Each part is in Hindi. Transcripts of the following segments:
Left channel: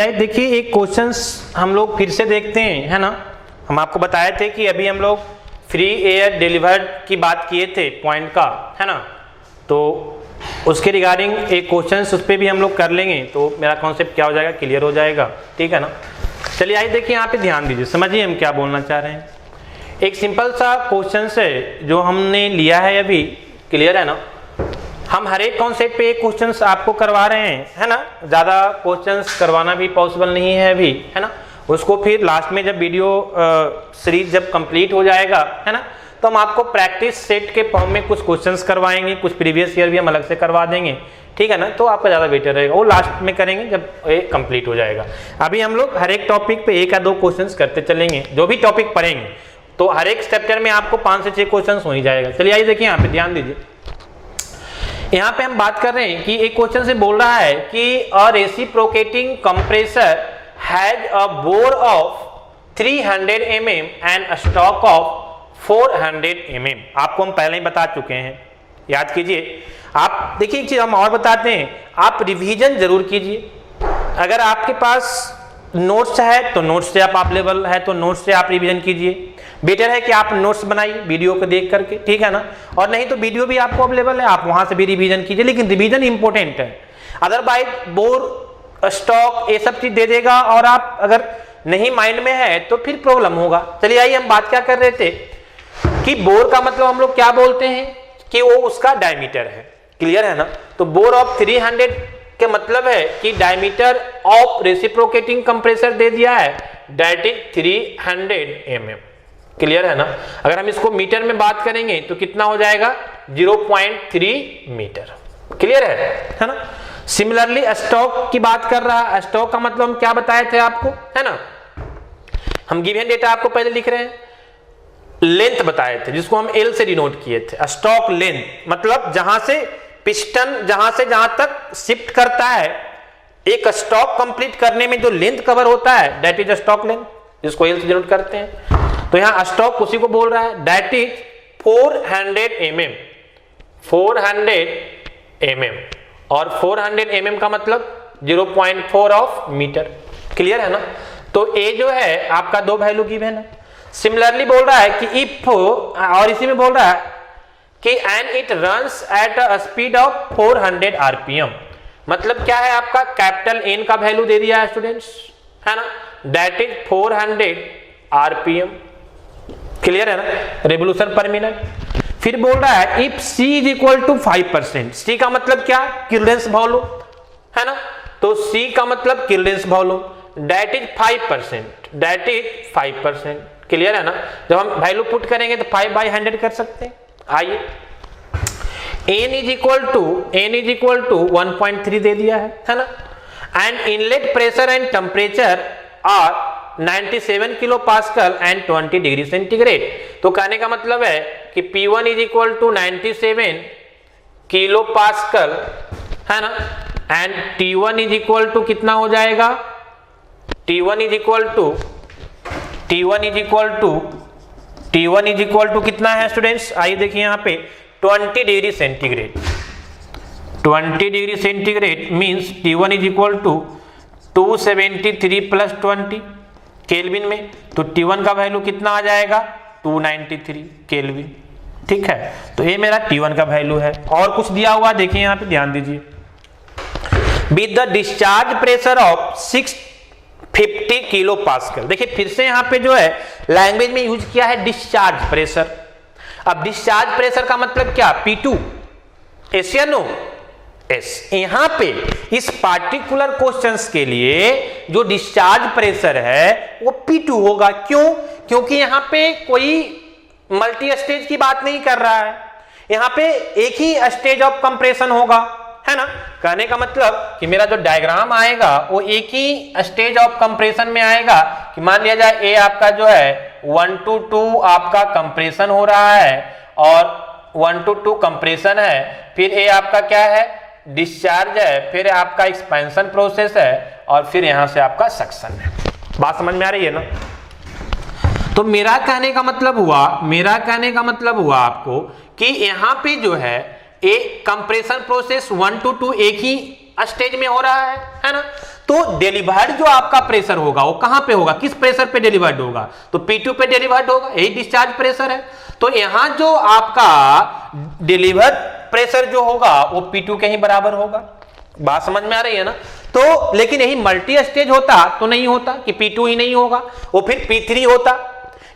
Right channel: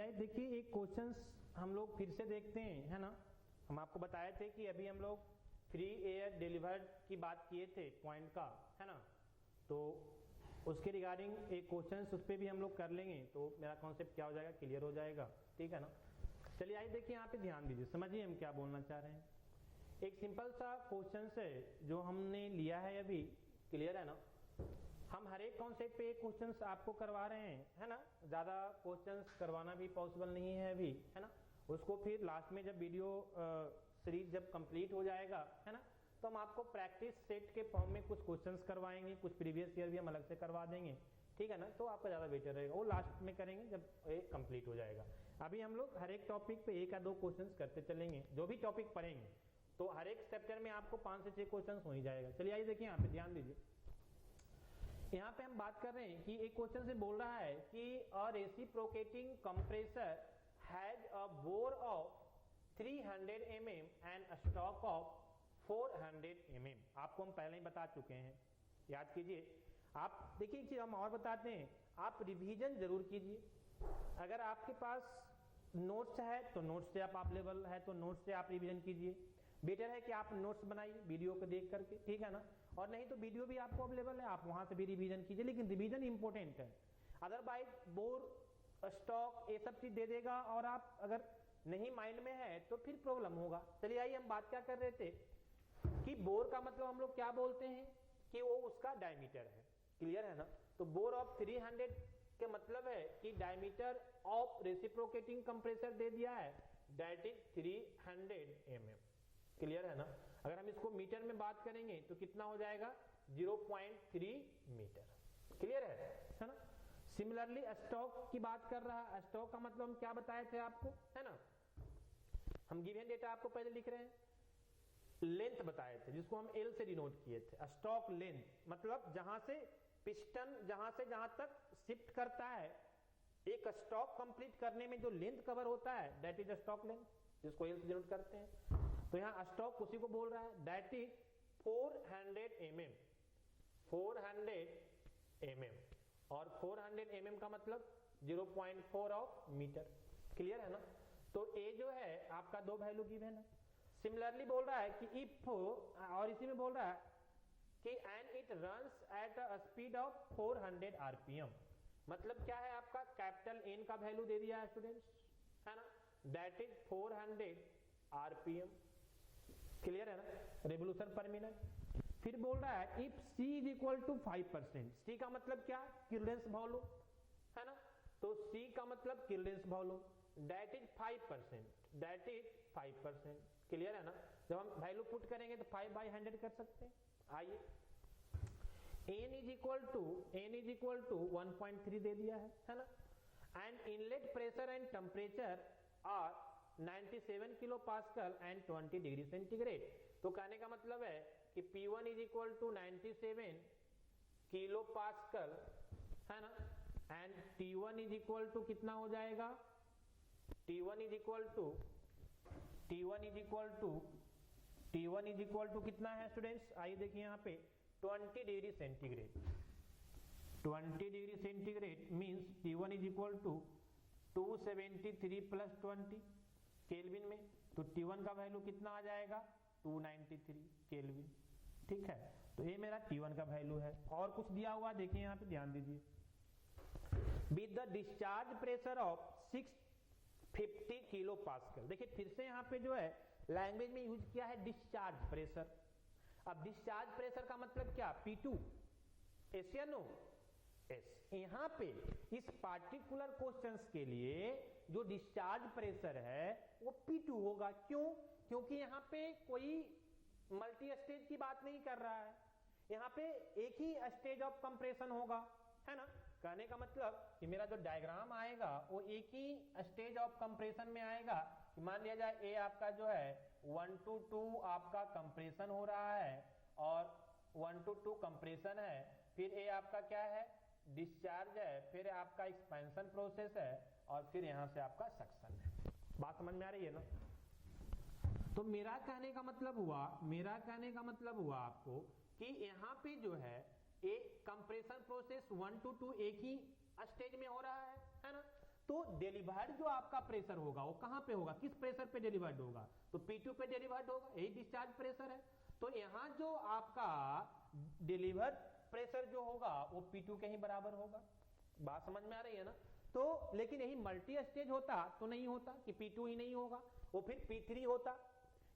चलिए देखिए एक क्वेश्चंस हम लोग फिर से देखते हैं, है ना। हम आपको बताए थे कि अभी हम लोग फ्री एयर डिलीवर्ड की बात किए थे पॉइंट का, है ना। तो उसके रिगार्डिंग एक क्वेश्चंस उस पर भी हम लोग कर लेंगे, तो मेरा कॉन्सेप्ट क्या हो जाएगा, क्लियर हो जाएगा, ठीक है ना। चलिए आइए देखिए, यहाँ पे ध्यान दीजिए, समझिए हम क्या बोलना चाह रहे हैं। एक सिंपल सा क्वेश्चन है जो हमने लिया है अभी, क्लियर है ना। हम हर एक कॉन्सेप्ट पे एक क्वेश्चंस आपको करवा रहे हैं, है ना। ज़्यादा क्वेश्चंस करवाना भी पॉसिबल नहीं है अभी, है ना। उसको फिर लास्ट में जब वीडियो सीरीज जब कंप्लीट हो जाएगा, है ना, तो हम आपको प्रैक्टिस सेट के फॉर्म में कुछ क्वेश्चंस करवाएंगे, कुछ प्रीवियस ईयर भी हम अलग से करवा देंगे, ठीक है ना। तो आपका ज़्यादा बेटर रहेगा, वो लास्ट में करेंगे जब ये कंप्लीट हो जाएगा। अभी हम लोग हर एक टॉपिक पे एक या दो क्वेश्चंस करते चलेंगे, जो भी टॉपिक पढ़ेंगे तो हर एक चैप्टर में आपको 5 से 6 क्वेश्चंस हो ही जाएगा। चलिए आइए देखिए, यहाँ पे ध्यान दीजिए। यहाँ पे हम बात कर रहे हैं कि एक क्वेश्चन से बोल रहा है कि a reciprocating compressor has a bore of 300 mm and a stroke of 400 mm। आपको हम पहले ही बता चुके हैं, याद कीजिए। आप देखिए एक चीज हम और बताते हैं, आप रिवीजन जरूर कीजिए। अगर आपके पास नोट्स है तो नोट्स से आप अवेलेबल है तो नोट्स से आप रिवीजन कीजिए। बेटर है कि आप नोट्स बनाइए वीडियो को देख करके, ठीक है ना। और नहीं तो वीडियो भी आपको अवेलेबल है, आप वहां से भी रिवीजन कीजिए, लेकिन रिवीजन इंपॉर्टेंट है। अदरवाइज बोर स्टॉक ये सब चीज दे देगा और आप अगर नहीं माइंड में है तो फिर प्रॉब्लम होगा। चलिए आइए, हम बात क्या कर रहे थे कि बोर का मतलब हम लोग क्या बोलते हैं कि वो उसका डायमीटर है, क्लियर है ना। तो बोर ऑफ 300 के मतलब है कि डायमीटर ऑफ रेसिप्रोकेटिंग कंप्रेसर दे दिया है, दैट इज 300 mm, क्लियर है ना। अगर हम इसको मीटर में बात करेंगे तो कितना हो जाएगा, 0.3 मीटर, क्लियर है ना। सिमिलरली स्टॉक की बात कर रहा है, स्टॉक का मतलब हम क्या बताए थे आपको, है ना। हम गिवन डेटा आपको पहले लिख रहे हैं, लेंथ बताए थे जिसको हम एल से डिनोट किए थे। स्टॉक लेंथ मतलब जहां से पिस्टन जहां से जहां तक शिफ्ट करता है, एक स्टॉक कंप्लीट करने में जो लेंथ कवर होता है दैट इज स्टॉक लेंथ, जिसको एल से डिनोट करते हैं। तो यहां स्टॉक उसी को बोल रहा है, दैट इज 400 mm, 400 mm, और 400 mm का मतलब 0.4 ऑफ मीटर, क्लियर है ना। तो ए जो है आपका दो वैल्यू गिवन है। सिमिलरली बोल रहा है कि इफ, और इसी में बोल रहा है कि and it runs at a speed of 400 rpm, मतलब क्या है आपका कैपिटल एन का वैल्यू दे दिया है स्टूडेंट्स, है ना, दैट इज 400 rpm, क्लियर है ना, रेवोल्यूशन पर मिनट। फिर बोल रहा है if c is equal to 5%, c का मतलब क्या, क्लियरेंस वॉल्यूम, है ना। तो c का मतलब clearance volume, that is 5%, that is 5%, clear है ना। जब हम वैल्यू पुट करेंगे तो 5/100 कर सकते हैं। आइए n इज इक्वल टू 1.3 दे दिया है ना। And inlet pressure and temperature are 97 kilo pascal and 20 degree centigrade. तो कहने का मतलब है कि P1 is equal to 97 kilo pascal, है ना, and T1 is equal to कितना हो जाएगा, T1 इज इक्वल टू कितना है स्टूडेंट्स, आइए देखिए यहाँ पे 20 degree centigrade. 20 degree centigrade means T1 is equal to 273 plus 20 kelvin में, तो T1 का वैल्यू कितना आ जाएगा, 293 केल्विन, ठीक है। तो ये मेरा T1 का वैल्यू है। और कुछ दिया हुआ देखिए यहाँ पे, ध्यान दीजिए, with the discharge pressure of 650 kilo pascal. देखिए फिर से यहाँ पे जो है लैंग्वेज में यूज किया है डिस्चार्ज प्रेशर। अब डिस्चार्ज प्रेशर का मतलब क्या, P2, एस या नो, एस। यहां पे इस पार्टिकुलर क्वेश्चंस के लिए जो डिस्चार्ज प्रेशर है वो P2 होगा। क्यों, क्योंकि यहां पे कोई मल्टी स्टेज की बात नहीं कर रहा है, यहां पे एक ही स्टेज ऑफ कंप्रेशन होगा, है ना। कहने का मतलब कि मेरा जो डायग्राम आएगा वो एक ही स्टेज ऑफ कंप्रेशन में आएगा। कि मान लिया जाए ए आपका जो है 1 to 2 आपका कंप्रेशन हो रहा है और 1 to 2 कंप्रेशन है, फिर ए आपका क्या है, डिस्चार्ज है, फिर आपका एक्सपेंशन प्रोसेस है, और फिर यहां से आपका सक्शन है। बात समझ में आ रही है ना। तो मेरा कहने का मतलब हुआ आपको कि यहां पे जो है एक कंप्रेशन प्रोसेस 1 to 2 एक ही स्टेज में हो रहा है ना। तो डिलीवर्ड जो आपका प्रेशर होगा वो कहां पे होगा, किस प्रेशर पे डिलीवर्ड होगा, तो P2 पे डिलीवर्ड होगा, यही डिस्चार्ज प्रेशर है। तो यहां जो आपका डिलीवर्ड प्रेशर जो होगा वो P2 के ही बराबर होगा। बात समझ में आ रही है ना। तो लेकिन यही मल्टी स्टेज होता तो नहीं होता कि P2 ही नहीं होगा, वो फिर P3 होता,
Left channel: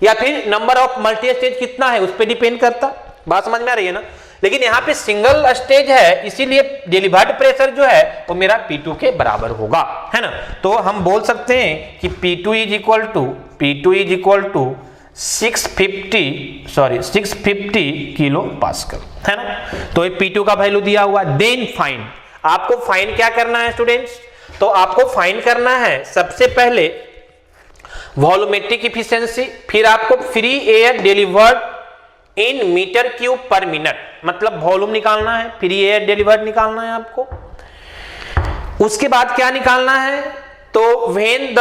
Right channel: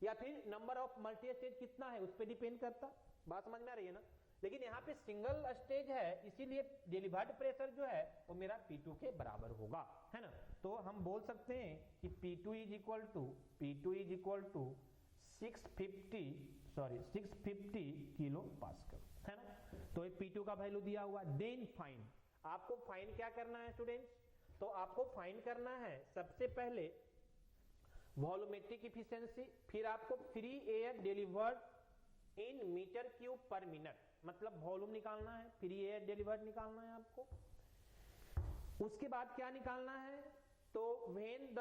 या फिर नंबर ऑफ मल्टी स्टेज कितना है उस पर डिपेंड करता। बात समझ में आ रही है ना। लेकिन यहाँ पे सिंगल स्टेज है, इसीलिए डिलीवर्ड प्रेशर जो है वो मेरा P2 के बराबर होगा, है ना। तो हम बोल सकते हैं कि P2 is equal to 650 kilo pascal, है ना। तो ये P2 का वैल्यू दिया हुआ। देन फाइंड, आपको फाइंड क्या करना है स्टूडेंट्स, तो आपको फाइंड करना है सबसे पहले वॉल्यूमेट्रिक इफिशिएंसी, फिर आपको free air delivered in metre cube per minute, मतलब वॉल्यूम निकालना है, फ्री एयर डिलीवर्ड निकालना है आपको। उसके बाद क्या निकालना है, तो when the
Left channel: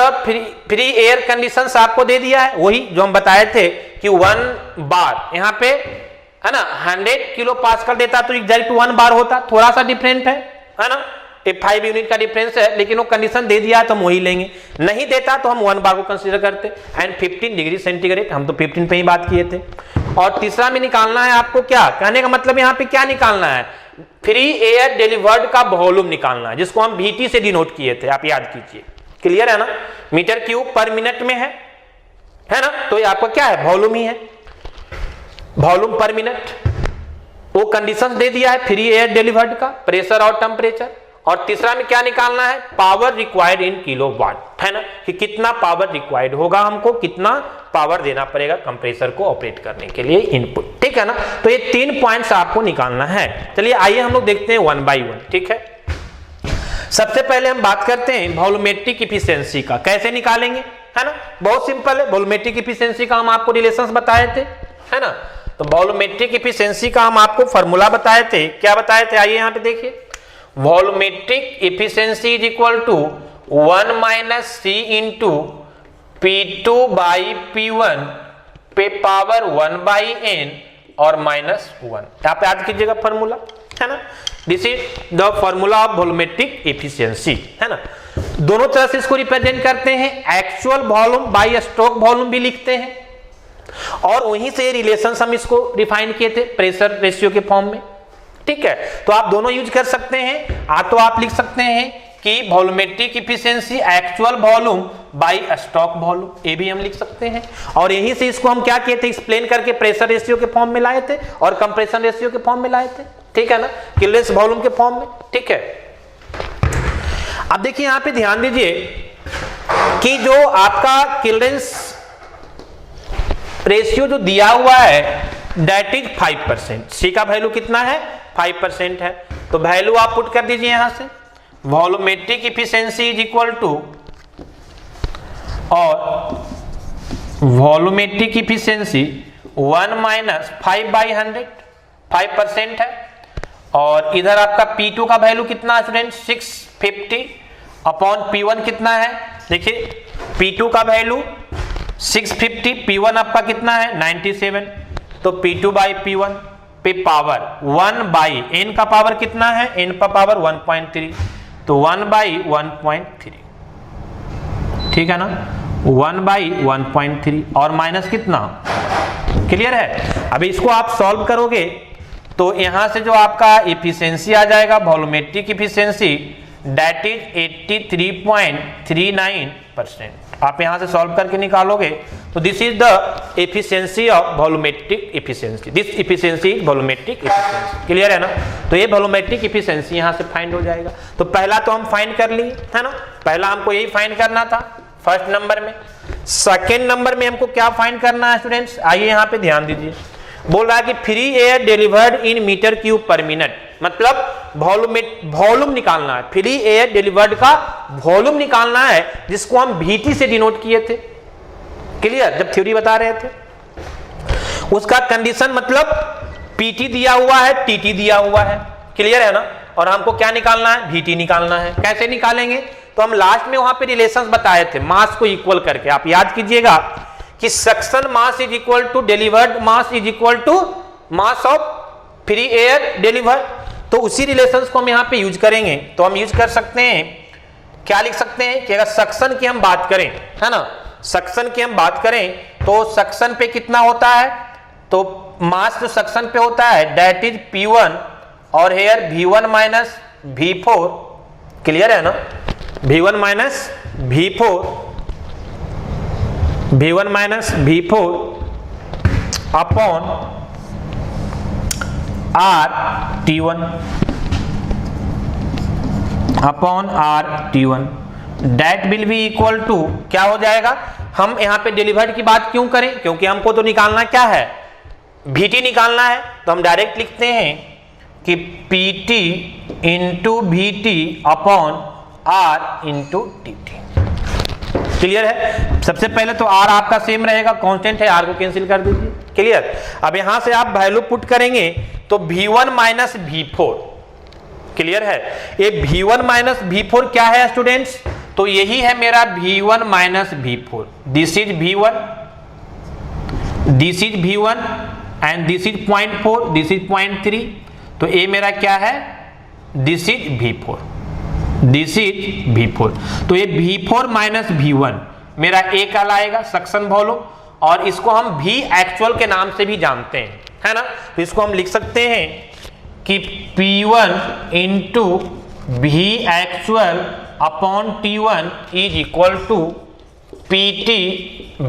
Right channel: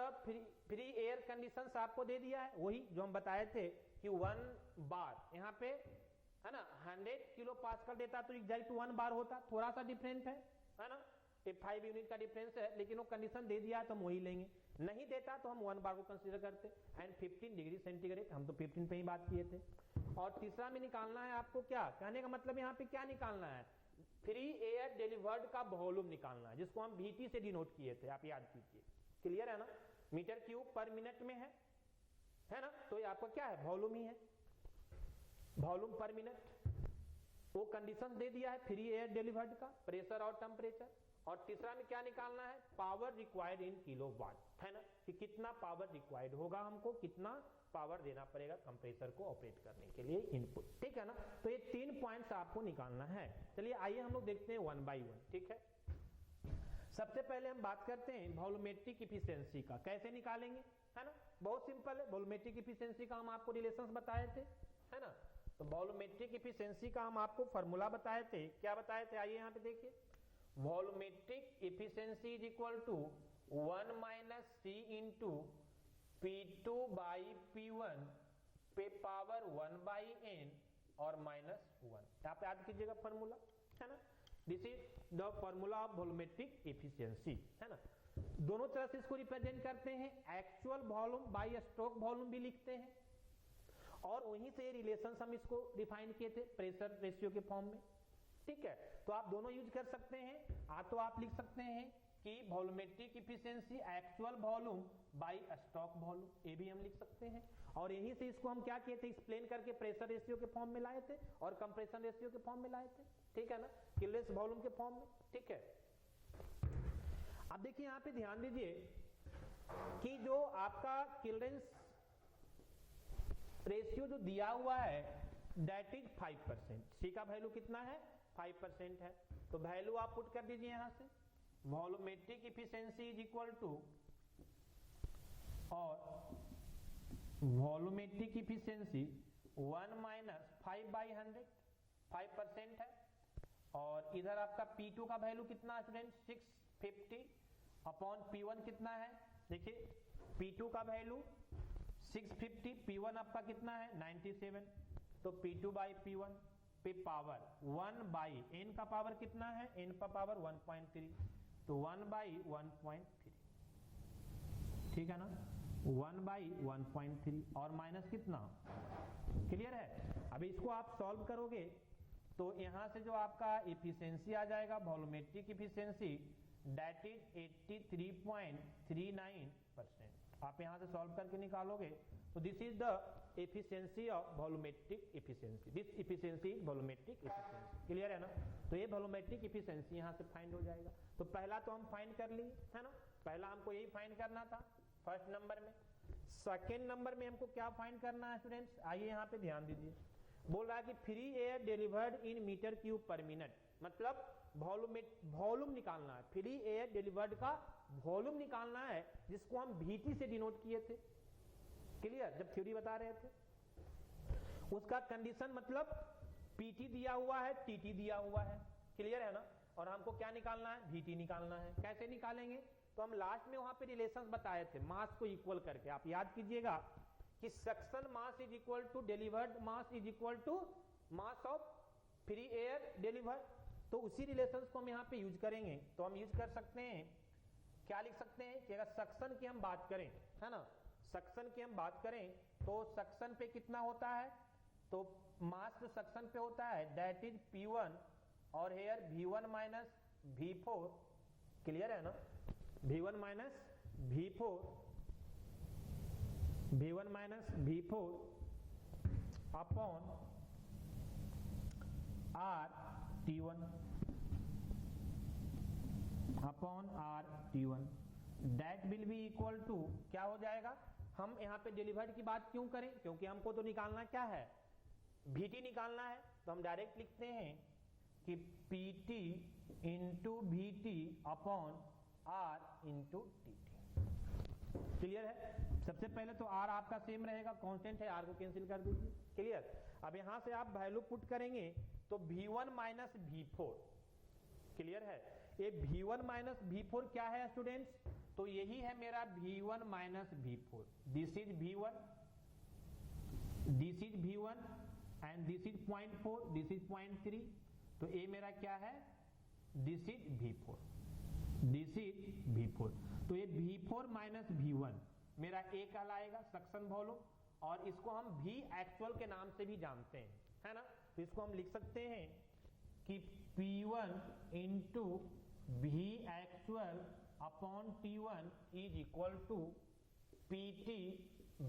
free air conditions आपको दे दिया है, वही जो हम बताए थे कि 1 बार यहाँ पे है ना 100 किलो पास्कल देता तो एग्जैक्ट 1 बार होता, थोड़ा सा डिफरेंट है ना, 5 यूनिट का डिफरेंस है, लेकिन वो कंडीशन दे दिया है तो हम वही लेंगे, नहीं देता तो हम 1 बार को कंसीडर करते। एंड 15 डिग्री सेंटीग्रेड, हम तो 15 पे ही बात किए थे। और तीसरा में निकालना है आपको, क्या कहने का मतलब यहाँ पे क्या निकालना है, फ्री एयर डिलीवर्ड का वॉल्यूम निकालना है, जिसको हम VT से डिनोट किए थे, आप याद कीजिए। क्लियर है ना, मीटर क्यूब पर मिनट में है ना, तो ये आपका क्या है, वॉल्यूम ही है, वॉल्यूम पर मिनट। वो कंडीशंस दे दिया है फ्री एयर डिलीवर्ड का, प्रेशर और टेम्परेचर। और तीसरा में क्या निकालना है, पावर रिक्वायर्ड इन किलोवाट, है ना, कि कितना पावर रिक्वायर्ड होगा, हमको कितना पावर देना पड़ेगा कंप्रेसर को ऑपरेट करने के लिए इनपुट, ठीक है ना। तो ये 3 पॉइंट्स आपको निकालना है। चलिए आइए हम लोग देखते हैं 1 बाय 1, ठीक है। सबसे पहले हम बात करते हैं वॉल्यूमेट्रिक इफिशिएंसी का, कैसे निकालेंगे, है ना, बहुत सिंपल है। वॉल्यूमेट्रिक इफिशिएंसी का हम आपको रिलेशंस बताए थे, है ना। तो वॉल्यूमेट्रिक इफिशिएंसी का हम आपको फॉर्मूला बताए थे, क्या बताए थे, आइए यहाँ पे देखिए। Volumetric efficiency is equal to 1 minus C into P2 by P1 पे पावर 1 बाई N और माइनस 1, यहाँ पे याद कीजिएगा फॉर्मूला, है ना। This is the formula of volumetric efficiency, है ना। दोनों तरह से इसको रिप्रेजेंट करते हैं, actual volume by stroke volume भी लिखते हैं, और वहीं से रिलेशंस हम इसको डिफाइन किए थे प्रेशर रेशियो के फॉर्म में, ठीक है। तो आप दोनों यूज कर सकते हैं, तो आप लिख सकते हैं कि volumetric efficiency actual volume bye stroke volume, ये भी हम लिख सकते हैं। और यहीं से इसको हम क्या किए थे, एक्सप्लेन करके प्रेशर रेशियो के फॉर्म में लाए थे और कंप्रेशन रेशियो के फॉर्म में लाए थे, ठीक है ना, किल्डेंस वॉल्यूम के फॉर्म में, ठीक है। अब देखिए यहाँ पे ध्यान दीजिए कि जो आपका किल्डेंस रेशियो जो दिया हुआ है दैट इज 5%, C का वैल्यू कितना है, 5% है। तो वैल्यू आप पुट कर दीजिए यहां से, volumetric efficiency is equal to, और वॉल्यूमेट्रिक इफिशिएंसी 1 माइनस 5 बाई 100, 5% है। और इधर आपका P2 का वैल्यू कितना है स्टूडेंट, 650 अपॉन P1 कितना है, देखिए P2 का वैल्यू 650, P1 आपका कितना है 97, तो P2 बाई P1 पे पावर 1 बाई N का पावर कितना है, N का पावर 1.3, तो 1 बाई 1.3, ठीक है ना, 1 बाई 1.3 और माइनस कितना, क्लियर है। अभी इसको आप सॉल्व करोगे तो यहां से जो आपका इफिशिएंसी आ जाएगा वॉल्यूमेट्रिक इफिशिएंसी दैट इज 83.39%, आप यहां से सॉल्व करके निकालोगे तो this is the efficiency of volumetric efficiency, this efficiency is volumetric efficiency, clear है ना। तो ये वॉल्यूमेट्रिक इफिशिएंसी यहां से फाइंड हो जाएगा। तो पहला तो हम फाइंड कर लिए, है ना, पहला हमको यही फाइंड करना था फर्स्ट नंबर में। सेकेंड नंबर में हमको क्या फाइंड करना है स्टूडेंट्स, आइए यहाँ पे ध्यान दीजिए। बोल रहा है कि free air delivered in metre cube per minute, मतलब वॉल्यूम निकालना है, फ्री एयर डिलीवर्ड का वॉल्यूम निकालना है, जिसको हम VT से डिनोट किए थे, क्लियर, जब थ्योरी बता रहे थे। उसका कंडीशन मतलब PT दिया हुआ है, TT दिया हुआ है, क्लियर है ना। और हमको क्या निकालना है, VT निकालना है। कैसे निकालेंगे, तो हम लास्ट में वहां पे रिलेशंस बताए थे मास को इक्वल करके, आप याद कीजिएगा कि suction mass is equal to delivered mass is equal to mass of free air delivered. तो उसी रिलेशंस को हम यहाँ पे यूज करेंगे। तो हम यूज कर सकते हैं, क्या लिख सकते हैं कि अगर सक्शन की हम बात करें, है ना, सक्शन की हम बात करें तो सक्शन पे कितना होता है, तो मास जो सक्शन पे होता है दैट इज P1 और hair V1 minus V4, clear है ना, V1 minus V4 upon RT1 that will be equal to क्या हो जाएगा। हम यहाँ पे डिलीवर्ड की बात क्यों करें, क्योंकि हमको तो निकालना क्या है, VT निकालना है। तो हम डायरेक्ट लिखते हैं कि PT into VT upon R into TT, clear है। सबसे पहले तो R आपका सेम रहेगा, कांस्टेंट है, R को कैंसिल कर दीजिए, क्लियर। अब यहां से आप वैल्यू पुट करेंगे तो V1 माइनस V4, क्लियर है। ये V1 माइनस V4 क्या है स्टूडेंट्स, तो यही है मेरा V1 minus V4, this is V1 and this is 0.4, this is 0.3, तो ये मेरा क्या है, दिस इज V4, तो ये V4 माइनस V1 मेरा A कहलाएगा सक्शन वॉल्यूम, और इसको हम V एक्चुअल के नाम से भी जानते हैं, है ना। तो इसको हम लिख सकते हैं कि P1 into V actual upon T1 is equal to PT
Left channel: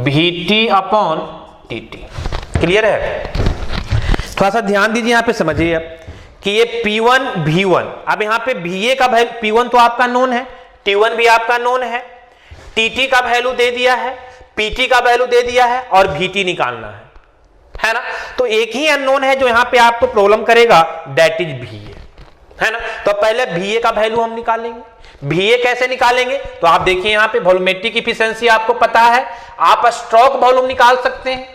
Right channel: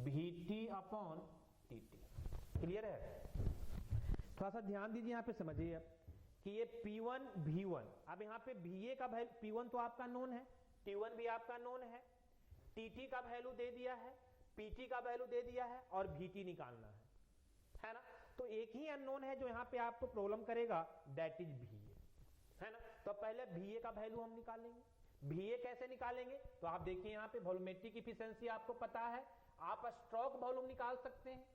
VT upon TT, clear है। थोड़ा सा ध्यान दीजिए यहाँ पे, समझिए कि ये P1 V1, अब यहाँ पे VA का वैल्यू, P1 तो आपका नोन है, T1 भी आपका नोन है, TT का वैल्यू दे दिया है, PT का वैल्यू दे दिया है, और VT निकालना है ना। तो एक ही अननोन है जो यहाँ पे आपको प्रॉब्लम करेगा, दैट इज VA, है ना। तो पहले VA का वैल्यू हम निकालेंगे। VA कैसे निकालेंगे, तो आप देखिए यहाँ पे वॉल्यूमेट्रिक इफिशिएंसी आपको पता है, आप स्ट्रोक वॉल्यूम निकाल सकते हैं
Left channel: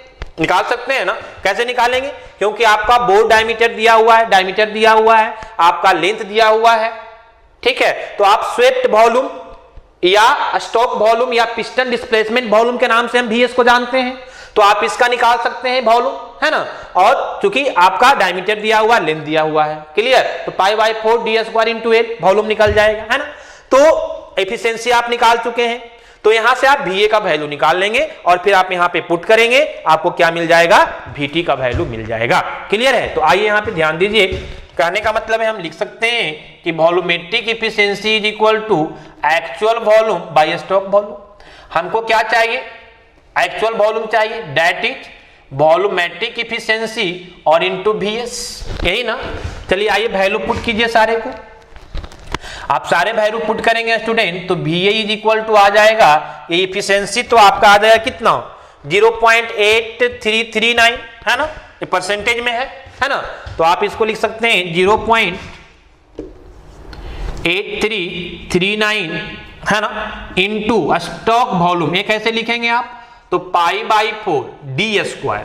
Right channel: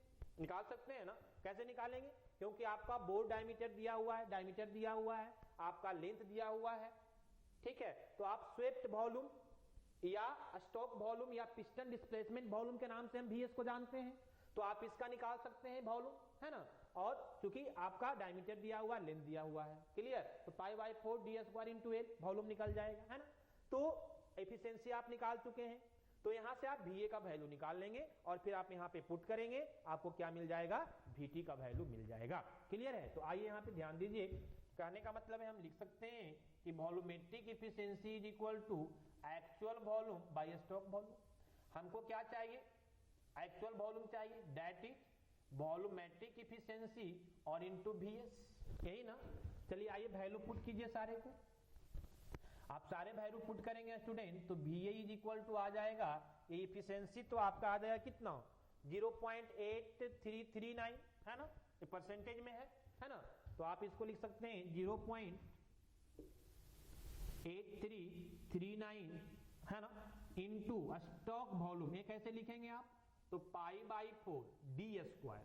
ना। कैसे निकालेंगे, क्योंकि आपका बोर डायमीटर दिया हुआ है, आपका लेंथ दिया हुआ है, ठीक है। तो आप स्वेप्ट वॉल्यूम या स्ट्रोक वॉल्यूम या पिस्टन डिस्प्लेसमेंट वॉल्यूम के नाम से हम VS को जानते हैं, तो आप इसका निकाल सकते हैं वॉल्यूम, है ना। और चूंकि आपका डायमीटर दिया हुआ, लेंथ दिया हुआ है, क्लियर, तो π/4 d² इंटू L वॉल्यूम निकल जाएगा, है ना। तो एफिशिएंसी आप निकाल चुके हैं, तो यहां से आप VA का वैल्यू निकाल लेंगे और फिर आप यहां पे पुट करेंगे, आपको क्या मिल जाएगा, VT का वैल्यू मिल जाएगा, क्लियर है। तो आइए यहां पे ध्यान दीजिए, कहने का मतलब है हम लिख सकते हैं कि volumetric efficiency is equal to actual volume by stroke volume. हमको क्या चाहिए, एक्चुअल वॉल्यूम चाहिए, दैट इज वॉल्यूमेट्रिक इफिशिएंसी और इनटू VS, यही ना। चलिए आइए वैल्यू पुट कीजिए सारे को, आप सारे वैल्यू पुट करेंगे स्टूडेंट, तो VA इज इक्वल टू आ जाएगा, ये इफिशिएंसी तो आपका आ जाएगा कितना, 0.8339, है ना, ये परसेंटेज में है ना। तो आप इसको लिख सकते हैं 0.8339, है ना, इनटू स्टॉक वॉल्यूम, ये कैसे लिखेंगे आप, तो π/4 d²,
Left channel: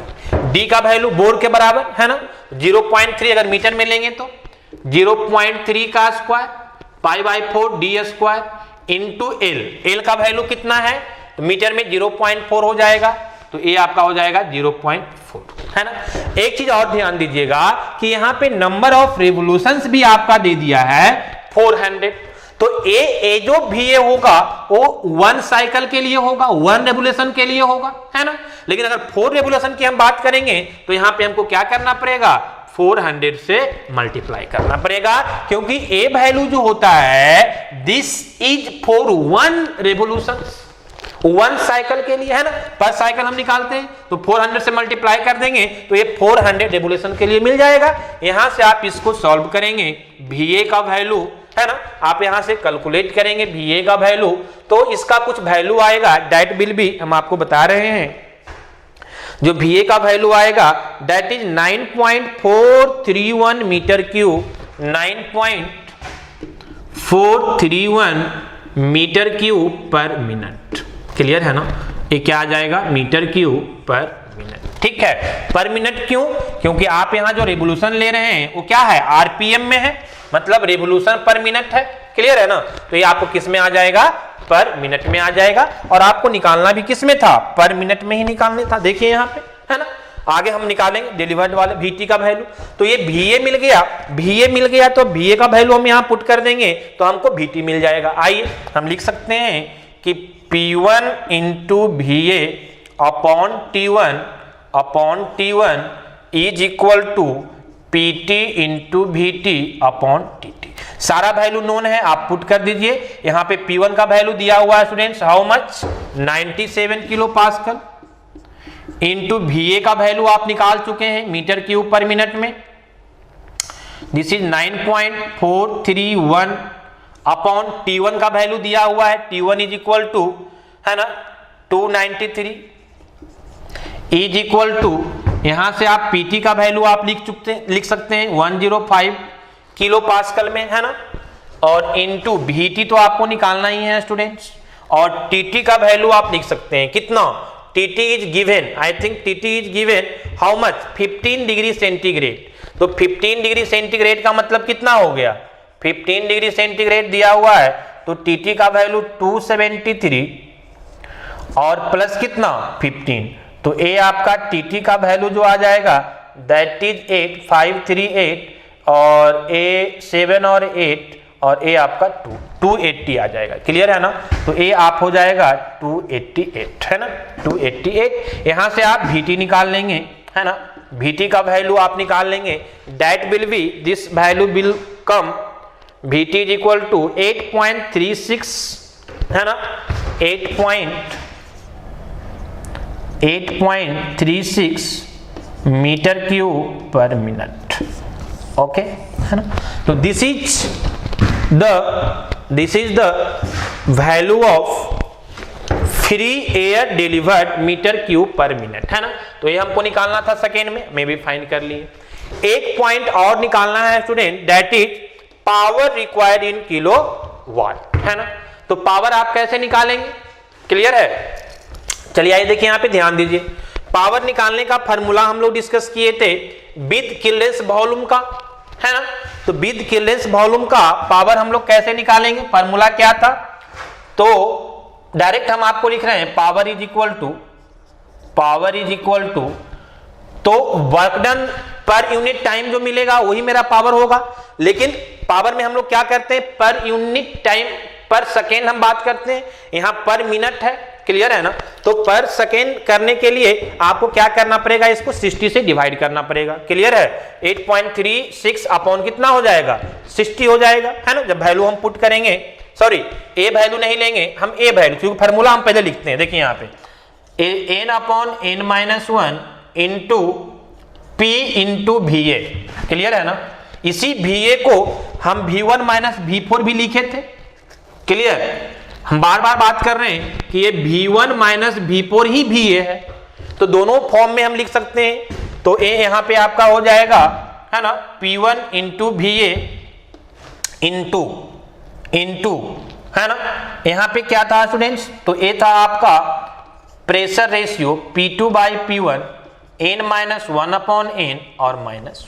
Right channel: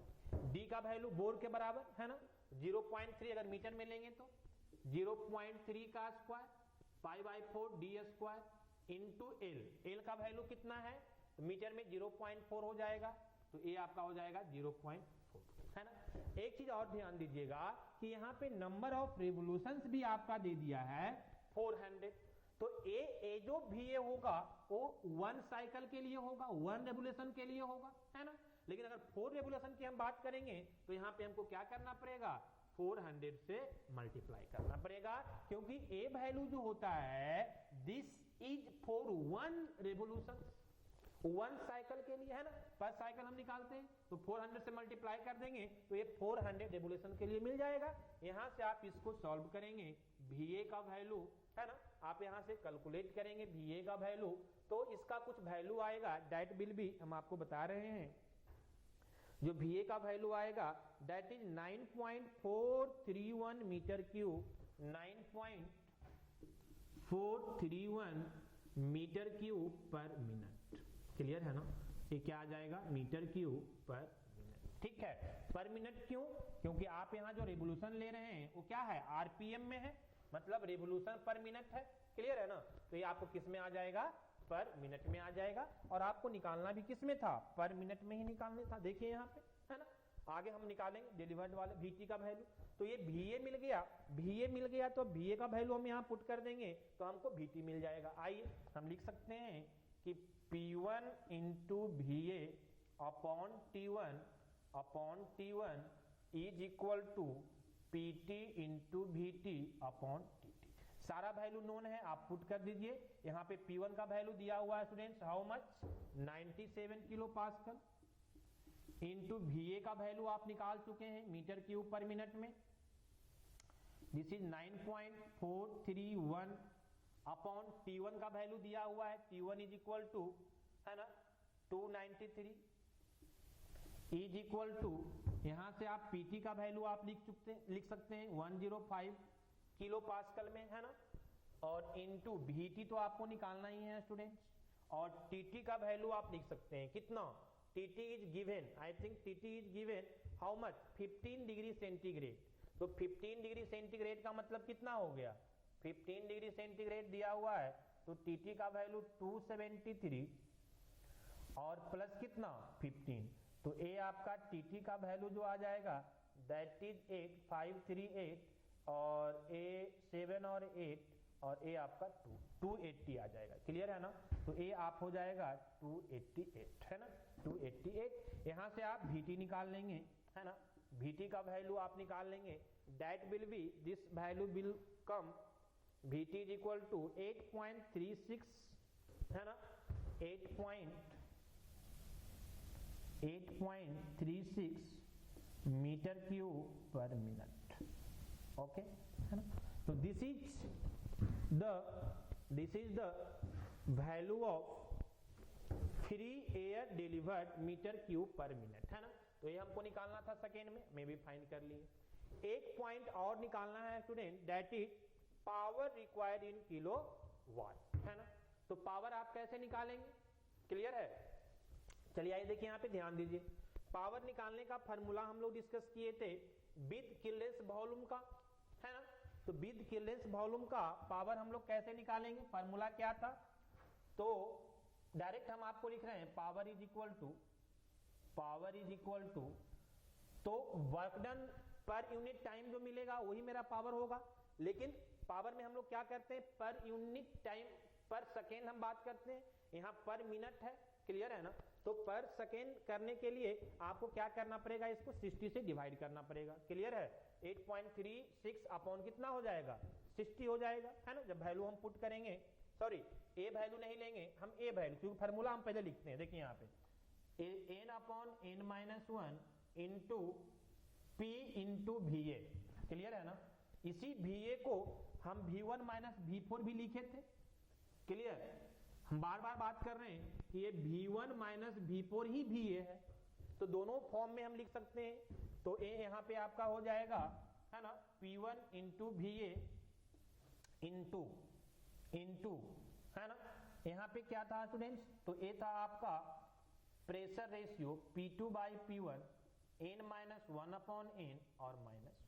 d का वैल्यू बोर के बराबर, है ना, 0.3 अगर मीटर में लेंगे तो 0.3 का स्क्वायर, π/4 d² इंटू L का वैल्यू कितना है, तो मीटर में 0.4 हो जाएगा, तो ये आपका हो जाएगा 0.4, है ना। एक चीज और ध्यान दीजिएगा कि यहाँ पे नंबर ऑफ रिवोल्यूशंस भी आपका दे दिया है 400, तो ए जो VA होगा वो 1 साइकिल के लिए होगा, 1 रेवोल्यूशन के लिए होगा, है ना। लेकिन अगर 4 रेवोल्यूशन की हम बात करेंगे तो यहाँ पे हमको क्या करना पड़ेगा, 400 से मल्टीप्लाई करना पड़ेगा, क्योंकि ए वैल्यू जो होता है this is for 1 revolution, 1 cycle के लिए, है ना। पर साइकिल हम निकालते हैं तो 400 से मल्टीप्लाई कर देंगे तो ये 400 रेवोल्यूशन के लिए मिल जाएगा। यहां से आप इसको सॉल्व करेंगे, VA का वैल्यू, है ना, आप यहां से कैलकुलेट करेंगे VA का वैल्यू, तो इसका कुछ वैल्यू आएगा, दैट विल बी, हम आपको बता रहे हैं, जो VA का वैल्यू आएगा that is 9.431 metre cube, 9.431 metre cube per minute, clear है ना। ये क्या आ जाएगा, मीटर क्यूब पर मिनट, ठीक है। पर मिनट क्यों, क्योंकि आप यहां जो रिवोल्यूशन ले रहे हैं वो क्या है, RPM में है, मतलब रिवोल्यूशन पर मिनट है, क्लियर है ना। तो ये आपको किस में आ जाएगा, पर मिनट में आ जाएगा, और आपको निकालना भी किस में था, पर मिनट में ही निकालने था, देखिए यहाँ पे, है ना। आगे हम निकालेंगे डिलीवर्ड वाले VT का वैल्यू। तो ये VA मिल गया, VA मिल गया तो VA का वैल्यू हम यहाँ पुट कर देंगे तो हमको VT मिल जाएगा। आइए हम लिख सकते हैं कि P1 into VA upon T1 is equal to PT into VT upon TT। सारा वैल्यू नोन है, आप पुट कर दीजिए। यहाँ पे P1 का वैल्यू दिया हुआ है students, how much 97 kilo pascal, into VA का वैल्यू आप निकाल चुके हैं मीटर क्यूब पर मिनट में, दिस इज 9.431 अपॉन T1 का वैल्यू दिया हुआ है, T1 इज इक्वल टू है ना 293 इज इक्वल टू, यहां से आप PT का वैल्यू आप लिख सकते हैं 105 किलो पास्कल में है ना, और इनटू VT तो आपको निकालना ही है स्टूडेंट्स, और TT का वैल्यू आप लिख सकते हैं कितना, TT is given, I think TT is given how much 15 degree centigrade. तो 15 डिग्री सेंटीग्रेड का मतलब कितना हो गया, 15 डिग्री सेंटीग्रेड दिया हुआ है तो TT का वैल्यू 273 और प्लस कितना 15, तो A आपका TT का वैल्यू जो आ जाएगा दैट इज 8538 और A 7 और 8 और A आपका 280 आ जाएगा। क्लियर है ना, तो A आप हो जाएगा 288 है ना 288। यहां से आप VT निकाल लेंगे है ना, VT का वैल्यू आप निकाल लेंगे, that will be this value will come VT is equal to 8.36 है ना 8.36 metre cube per minute. Okay है ना, तो this is the value of free air delivered metre cube per minute है ना। तो ये हमको निकालना था सेकेंड में, मैं भी फाइंड कर लिए। एक पॉइंट और निकालना है student, that is power required in kilo watt है ना। तो पावर आप कैसे निकालेंगे, क्लियर है, चलिए आइए देखिए यहाँ पे ध्यान दीजिए। पावर निकालने का फॉर्मूला हम लोग डिस्कस किए थे विद किल्डेंस वॉल्यूम का है ना। तो विद किल्डेंस वॉल्यूम का पावर हम लोग कैसे निकालेंगे, फॉर्मूला क्या था, तो डायरेक्ट हम आपको लिख रहे हैं पावर इज इक्वल टू तो work done per unit time जो मिलेगा वही मेरा पावर होगा। लेकिन पावर में हम लोग क्या करते हैं, पर यूनिट टाइम पर सेकेंड हम बात करते हैं, यहां पर मिनट है, क्लियर है ना। तो पर सेकेंड करने के लिए आपको क्या करना पड़ेगा, इसको 60 से डिवाइड करना पड़ेगा, क्लियर है। 8.36 अपॉन कितना हो जाएगा 60 हो जाएगा है ना। जब वैल्यू हम पुट करेंगे, सॉरी ए वैल्यू नहीं लेंगे हम, ए वैल्यू, क्योंकि फार्मूला हम पहले लिखते हैं, देखिए यहाँ पे n upon n-1 into P into VA, clear है ना। इसी VA को हम V1 माइनस V4 भी लिखे थे, क्लियर। हम बार बार बात कर रहे हैं कि ये V1 माइनस V4 ही VA है, तो दोनों फॉर्म में हम लिख सकते हैं। तो A यहाँ पे आपका हो जाएगा है ना P1 इंटू VA इंटू है ना, यहाँ पे क्या था स्टूडेंट्स, तो A था आपका pressure ratio P2 by P1 n-1 upon n और -1,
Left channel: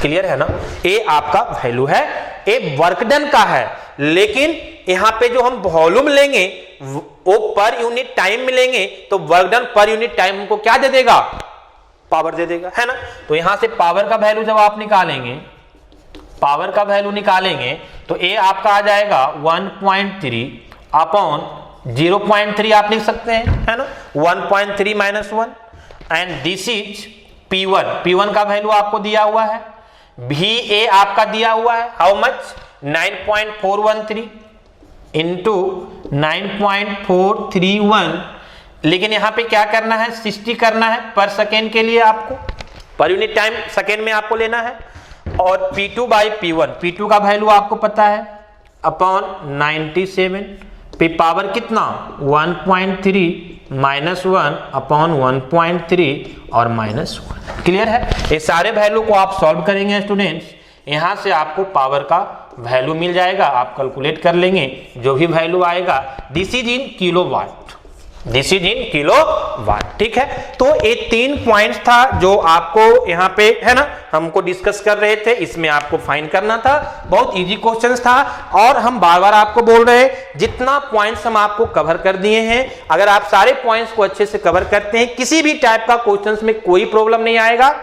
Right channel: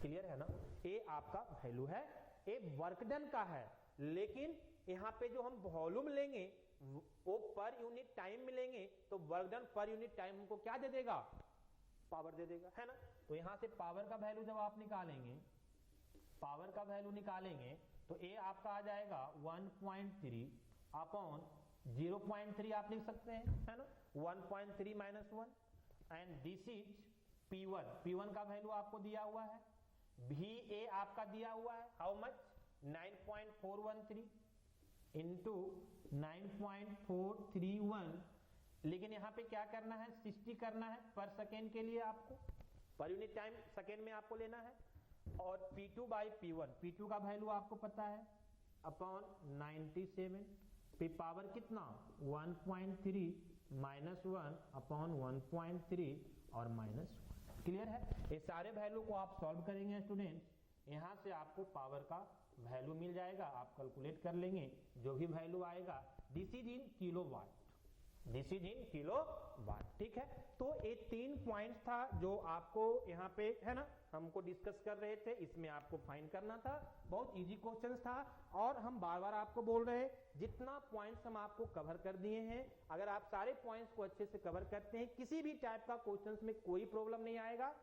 क्लियर है ना। ए आपका वैल्यू है, ए वर्क डन का है, लेकिन यहां पे जो हम वॉल्यूम लेंगे वो पर यूनिट टाइम में लेंगे, तो work done per unit time हमको क्या दे देगा, पावर दे देगा है ना। तो यहां से पावर का वैल्यू जब आप निकालेंगे, पावर का वैल्यू निकालेंगे तो ए आपका आ जाएगा 1.3 अपॉन 0.3 आप लिख सकते हैं है ना, 1.3 minus 1 and this is P1 का वैल्यू आपको दिया हुआ है, VA आपका दिया हुआ है हाउ मच 9.413 इंटू 9.431, लेकिन यहां पे क्या करना है 60 करना है पर सेकेंड के लिए, आपको पर यूनिट टाइम सेकेंड में आपको लेना है। और P2 बाई P1 का वैल्यू आपको पता है अपॉन 97 पे पावर कितना 1.3 -1 अपॉन 1.3 और -1, क्लियर है। ये सारे वैल्यू को आप सॉल्व करेंगे स्टूडेंट्स, यहां से आपको पावर का वैल्यू मिल जाएगा, आप कैलकुलेट कर लेंगे जो भी वैल्यू आएगा, this is in kilowatt, this is in kilo watt, ठीक है। तो ये 3 पॉइंट्स था जो आपको यहाँ पे है ना हमको डिस्कस कर रहे थे, इसमें आपको फाइंड करना था। बहुत इजी क्वेश्चंस था और हम बार बार आपको बोल रहे हैं जितना पॉइंट्स हम आपको कवर कर दिए हैं, अगर आप सारे पॉइंट्स को अच्छे से कवर करते हैं किसी भी टाइप का क्वेश्चंस में कोई प्रॉब्लम नहीं आएगा।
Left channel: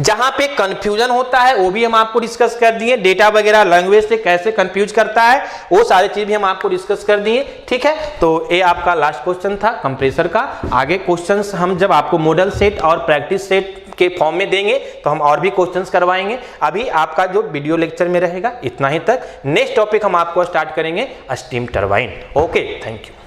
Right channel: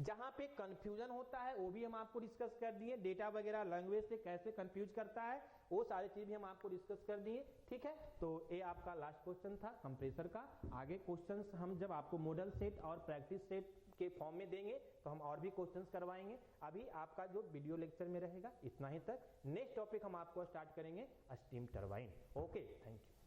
जहां पे कंफ्यूजन होता है वो भी हम आपको डिस्कस कर दिए, डेटा वगैरह लैंग्वेज से कैसे कंफ्यूज करता है वो सारी चीज भी हम आपको डिस्कस कर दिए, ठीक है। तो ये आपका लास्ट क्वेश्चन था कंप्रेसर का। आगे क्वेश्चंस हम जब आपको मॉडल सेट और प्रैक्टिस सेट के फॉर्म में देंगे तो हम और भी क्वेश्चंस करवाएंगे। अभी आपका जो वीडियो लेक्चर में रहेगा इतना ही तक। नेक्स्ट टॉपिक हम आपको स्टार्ट करेंगे steam turbine. Okay, thank you.